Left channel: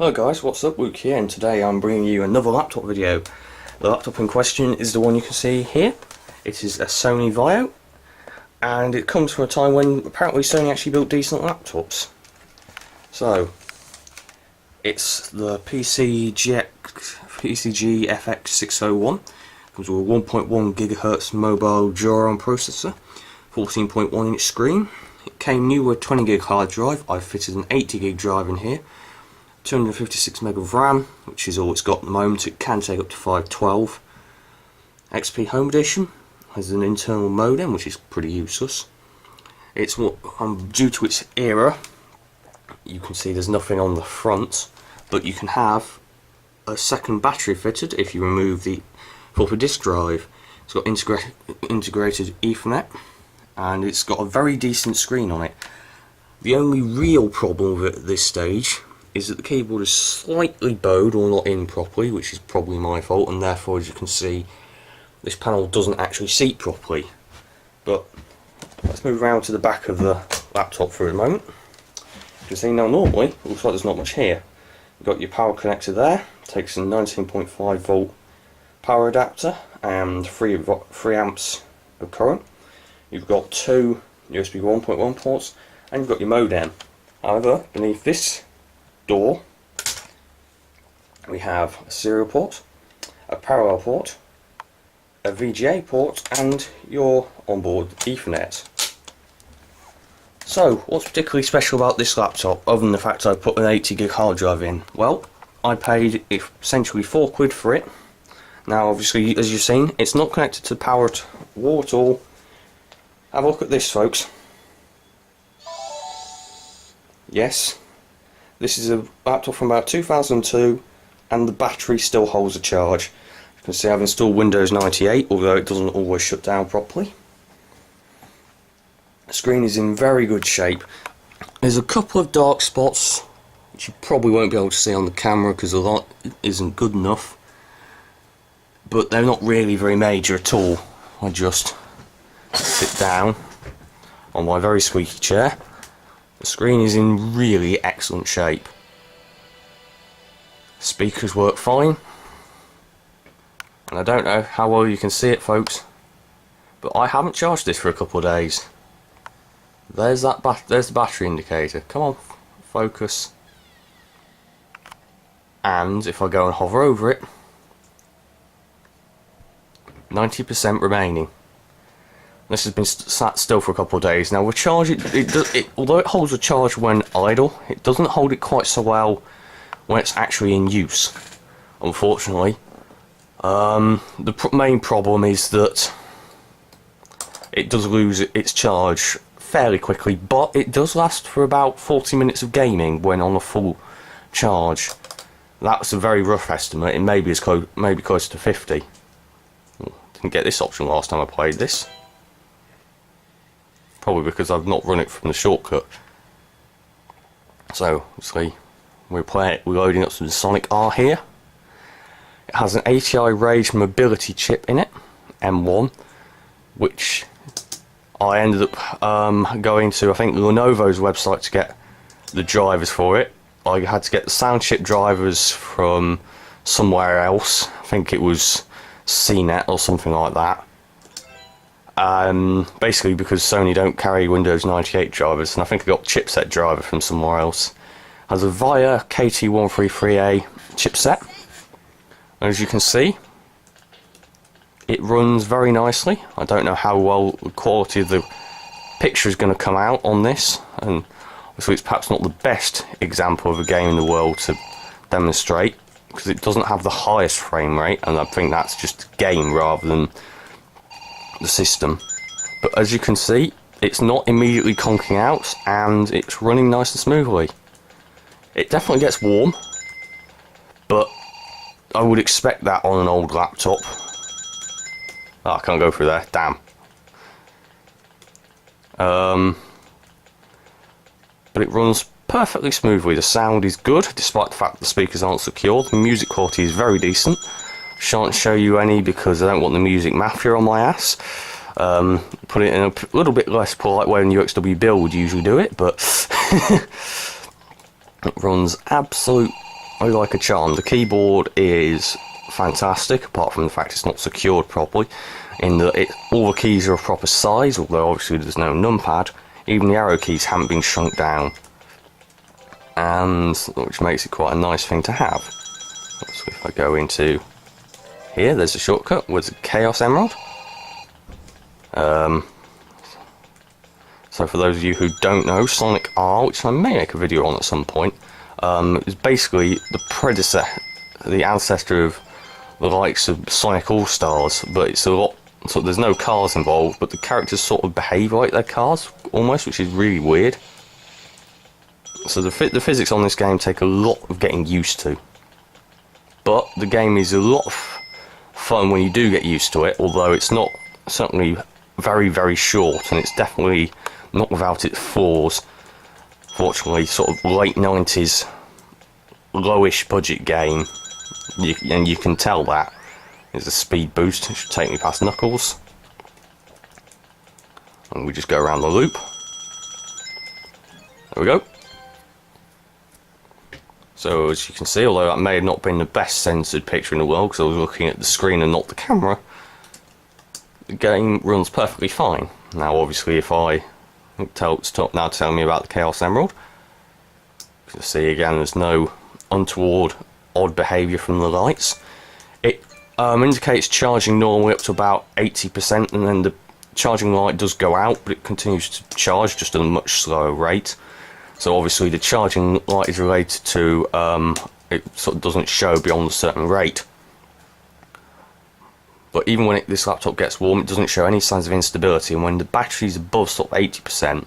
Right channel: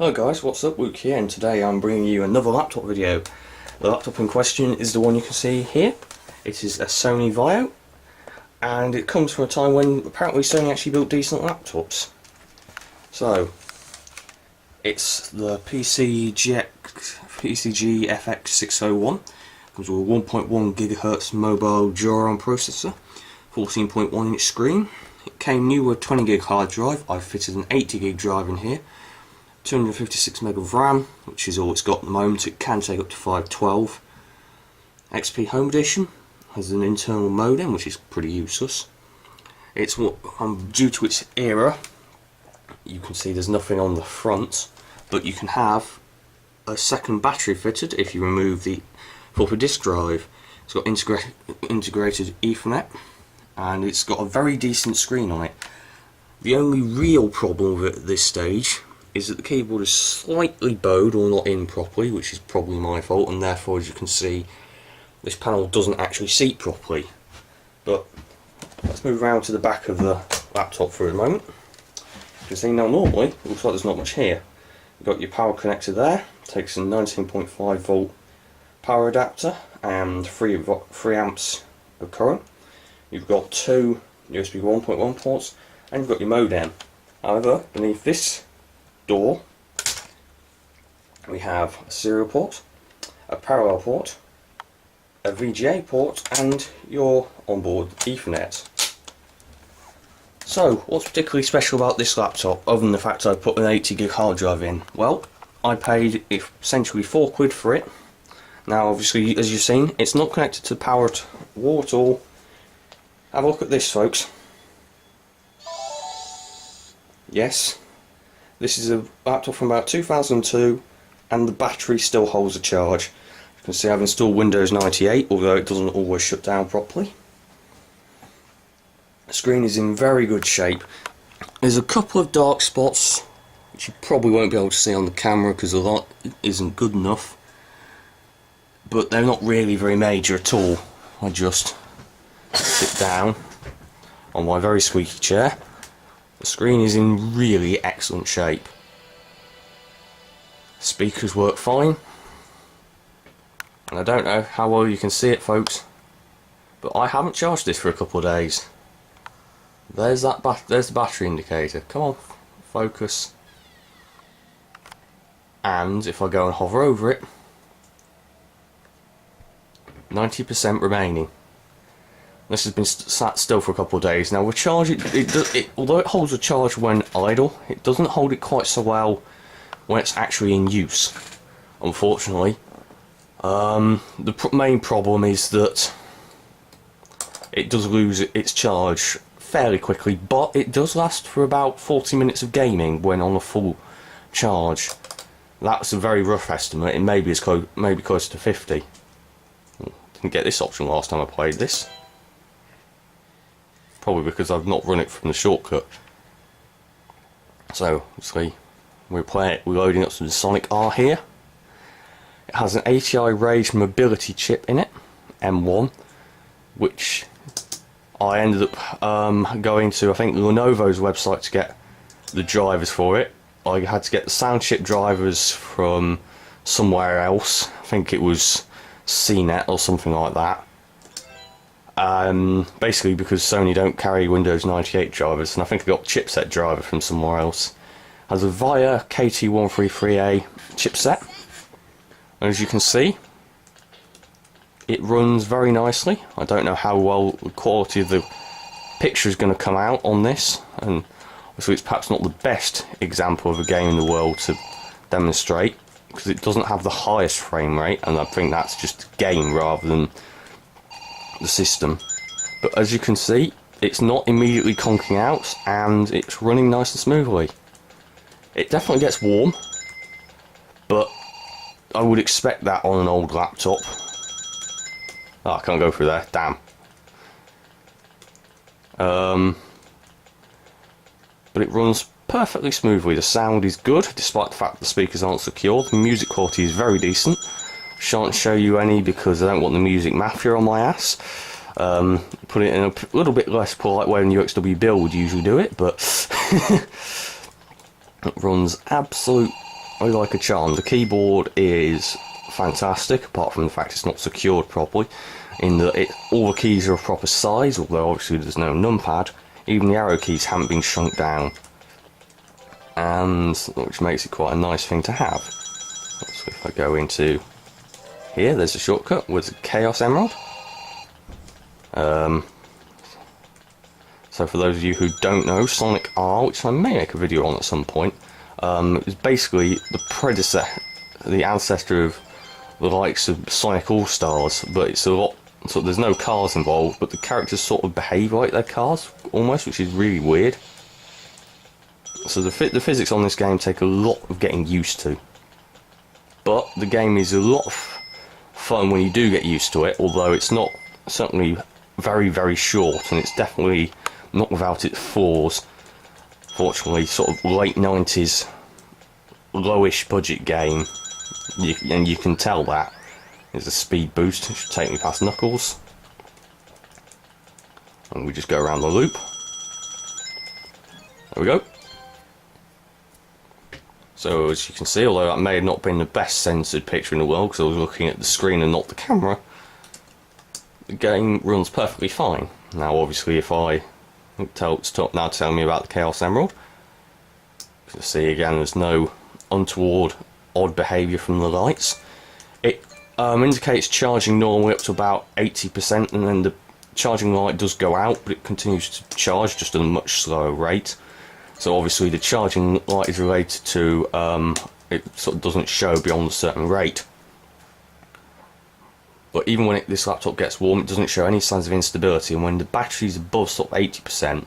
Hello guys, what's up? Luke here, and today I'm bringing you another laptop video. The laptop in question is the one you can see here. It is a Sony Vaio, and it comes from a time when apparently Sony actually built decent laptops. So, it's the PCG-FX601. Comes with a 1.1 GHz Mobile Duron processor, 14.1 inch screen. It came new with a 20 gig hard drive. I've fitted an 80 gig drive in here. 256 meg of RAM, which is all it's got at the moment. It can take up to 512. XP Home Edition has an internal modem, which is pretty useless. It's what due to its era, you can see there's nothing on the front, but you can have a second battery fitted if you remove the floppy disk drive. It's got integrated Ethernet, and it's got a very decent screen on it. The only real problem with it at this stage is that the keyboard is slightly bowed or not in properly, which is probably my fault, and therefore, as you can see, this panel doesn't actually seat properly. But let's move around to the back of the laptop for a moment. You can see now normally, it looks like there's not much here. You've got your power connector there, takes a 19.5 volt power adapter and 3 amps of current. You've got 2 USB 1.1 ports, and you've got your modem. However, beneath this door we have a serial port, a parallel port, a VGA port, and your onboard Ethernet. So what's particularly special about this laptop other than the fact I put an 80 gig hard drive in? Well, I paid essentially £4 for it. Now obviously, as you've seen, it's not connected to the power wall at all. Have a look at this, folks. Yes, this is a laptop from about 2002, and the battery still holds a charge. You can see I've installed Windows 98, although it doesn't always shut down properly. The screen is in very good shape. There's a couple of dark spots, which you probably won't be able to see on the camera because the light isn't good enough, but they're not really very major at all. I just sit down on my very squeaky chair. The screen is in really excellent shape. Speakers work fine, and I don't know how well you can see it, folks, but I haven't charged this for a couple of days. There's there's the battery indicator. Come on, focus. And if I go and hover over it, 90% remaining. This has been sat still for a couple of days now. We'll charge it, although it holds a charge when idle, it doesn't hold it quite so well when it's actually in use, unfortunately. The main problem is that it does lose its charge fairly quickly, but it does last for about 40 minutes of gaming when on a full charge. That's a very rough estimate. It may be close to 50. Didn't get this option last time I played this. Probably because I've not run it from the shortcut. So, obviously, we're loading up some Sonic R here. It has an ATI Rage mobility chip in it, M1, which I ended up going to, I think, Lenovo's website to get the drivers for it. I had to get the sound chip drivers from somewhere else. I think it was CNET or something like that. Basically because Sony don't carry Windows 98 drivers, and I think I got chipset driver from somewhere else. Has a VIA KT133A chipset. As you can see, it runs very nicely. I don't know how well the quality of the picture is going to come out on this, and obviously it's perhaps not the best example of a game in the world to demonstrate because it doesn't have the highest frame rate, and I think that's just game rather than the system. But as you can see, it's not immediately conking out, and it's running nice and smoothly. It definitely gets warm, but I would expect that on an old laptop. Oh, I can't go through there, damn. But it runs perfectly smoothly. The sound is good, despite the fact the speakers aren't secured. The music quality is very decent. Shan't show you any because I don't want the music mafia on my ass. Put it in a little bit less polite way than UXW Bill would usually do it, but it runs absolute like a charm. The keyboard is fantastic, apart from the fact it's not secured properly, in that all the keys are a proper size, although obviously there's no numpad. Even the arrow keys haven't been shrunk down, and which makes it quite a nice thing to have. So if I go into here, there's a shortcut with the Chaos Emerald. So for those of you who don't know, Sonic R, which I may make a video on at some point, is basically the predecessor, the ancestor of the likes of Sonic All-Stars, but it's a lot, so there's no cars involved, but the characters sort of behave like they're cars, almost, which is really weird. So the physics on this game take a lot of getting used to. But the game is a lot of fun when you do get used to it, although it's not certainly very, very short, and it's definitely not without its flaws. Fortunately, sort of late 90s, lowish budget game, and you can tell that. There's a speed boost, it should take me past Knuckles. And we just go around the loop. There we go. So as you can see, although that may have not been the best censored picture in the world, because I was looking at the screen and not the camera, the game runs perfectly fine. Now obviously if I stop now telling me about the Chaos Emerald, you can see again there's no untoward odd behaviour from the lights. It indicates charging normally up to about 80%, and then the charging light does go out, but it continues to charge just at a much slower rate. So obviously the charging light is related to it sort of doesn't show beyond a certain rate. But even when this laptop gets warm, it doesn't show any signs of instability, and when the battery's above sort of 80%,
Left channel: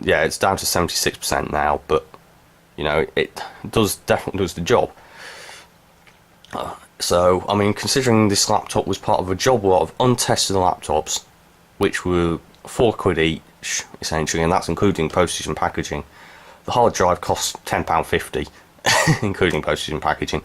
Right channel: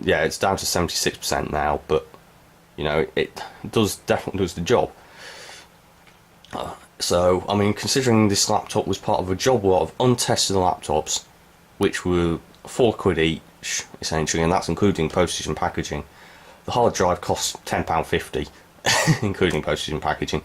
yeah, it's down to 76% now, but you know, it definitely does the job. So, I mean, considering this laptop was part of a job lot of untested laptops, which were £4 each, essentially, and that's including postage and packaging. The hard drive costs £10.50, including postage and packaging.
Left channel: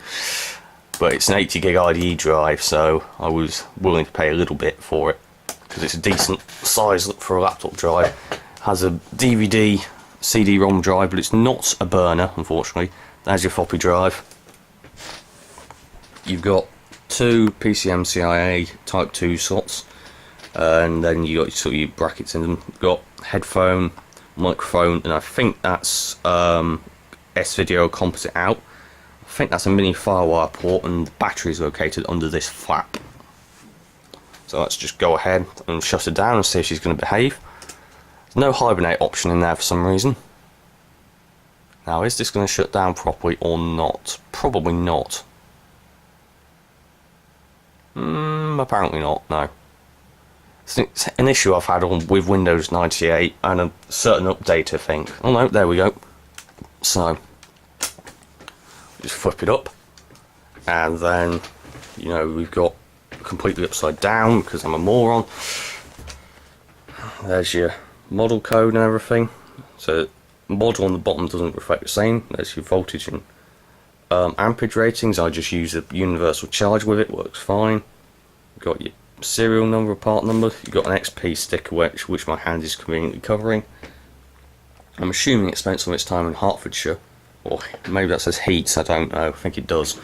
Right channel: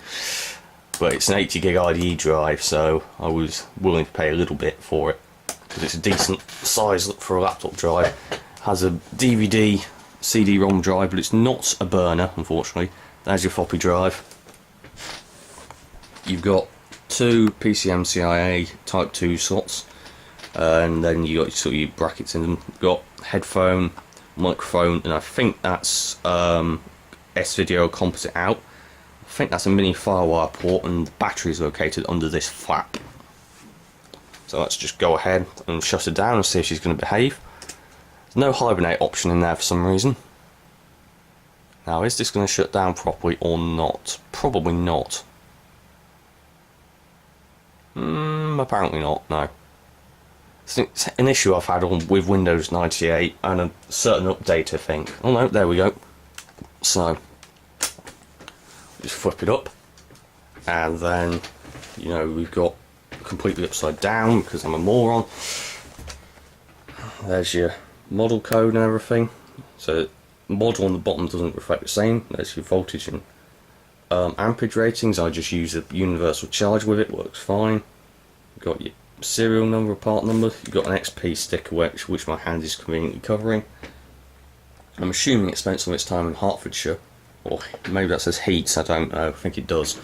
But it's an 80 gig IDE drive, so I was willing to pay a little bit for it, because it's a decent size for a laptop drive. Has a DVD CD-ROM drive, but it's not a burner, unfortunately. There's your floppy drive. You've got two PCMCIA Type 2 slots, and then you got sort of your brackets in them. You've got headphone, microphone, and I think that's S-Video composite out. I think that's a mini Firewire port, and the battery is located under this flap. So let's just go ahead and shut her down and see if she's going to behave. There's no hibernate option in there for some reason. Now, is this going to shut down properly or not? Probably not. Apparently not, no. It's an issue I've had with Windows 98 and a certain update, I think. Oh no, there we go. So, just flip it up, and then, you know, we've got completely upside down because I'm a moron. There's your model code and everything. So, model on the bottom doesn't reflect the same. There's your voltage and ampage ratings. I just use a universal charge with it, works fine. You've got your serial number, part number. You've got an XP sticker which my hand is conveniently covering. I'm assuming it spent some of its time in Hertfordshire, or maybe that says Heats, I don't know, I think it does.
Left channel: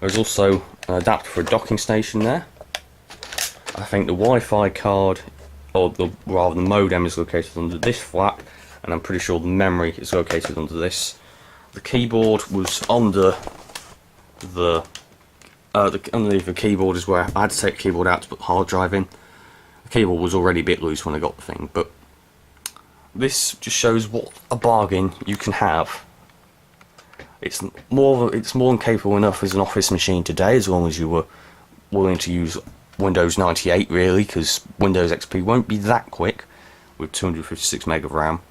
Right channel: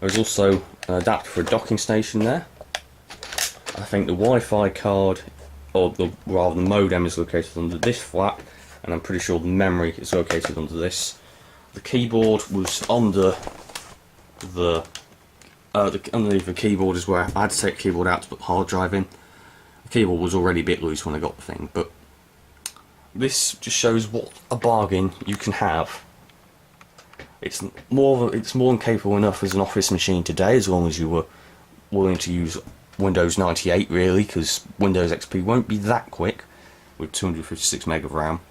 There's also an adapter for a docking station there. I think the Wi-Fi card, or rather the modem, is located under this flap, and I'm pretty sure the memory is located under this. The keyboard was under underneath the keyboard is where I had to take the keyboard out to put the hard drive in. The keyboard was already a bit loose when I got the thing, but this just shows what a bargain you can have. It's more than capable enough as an office machine today, as long as you were willing to use Windows 98, really, because Windows XP won't be that quick with 256 meg of RAM.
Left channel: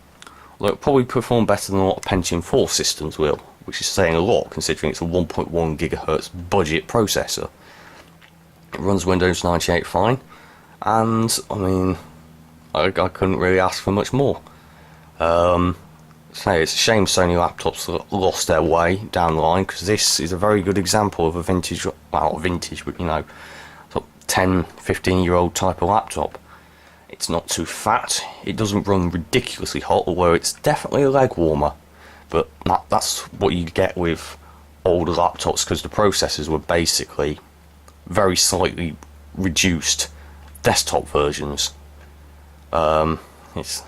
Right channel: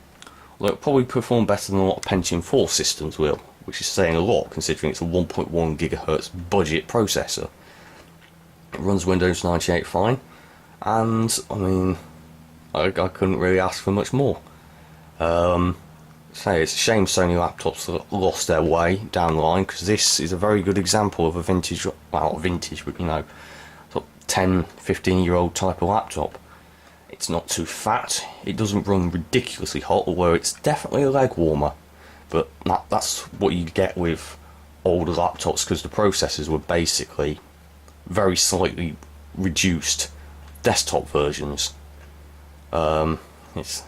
Although it'll probably perform better than a lot of Pentium 4 systems will, which is saying a lot considering it's a 1.1 GHz budget processor. It runs Windows 98 fine, and I mean, I couldn't really ask for much more. Say it's a shame Sony laptops lost their way down the line, because this is a very good example of a vintage, well, not vintage, but you know, sort of 10-15 year old type of laptop. It's not too fat, it doesn't run ridiculously hot, although it's definitely a leg warmer. But that's what you get with older laptops because the processors were basically very slightly reduced desktop versions. It's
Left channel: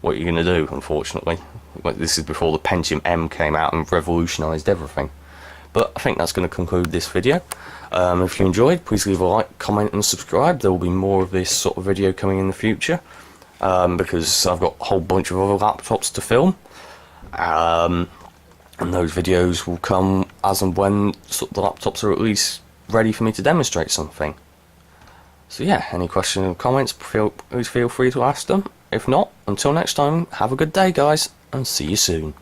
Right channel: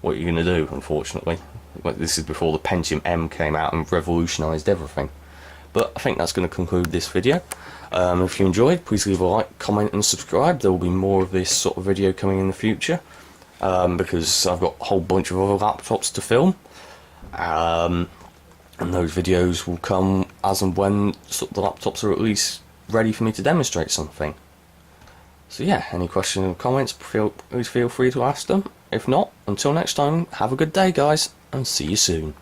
what you're going to do, unfortunately. This is before the Pentium M came out and revolutionised everything. But I think that's going to conclude this video. If you enjoyed, please leave a like, comment and subscribe. There will be more of this sort of video coming in the future, because I've got a whole bunch of other laptops to film, and those videos will come as and when the laptops are at least ready for me to demonstrate something. So yeah, any questions or comments, please feel free to ask them. If not, until next time, have a good day guys, and see you soon.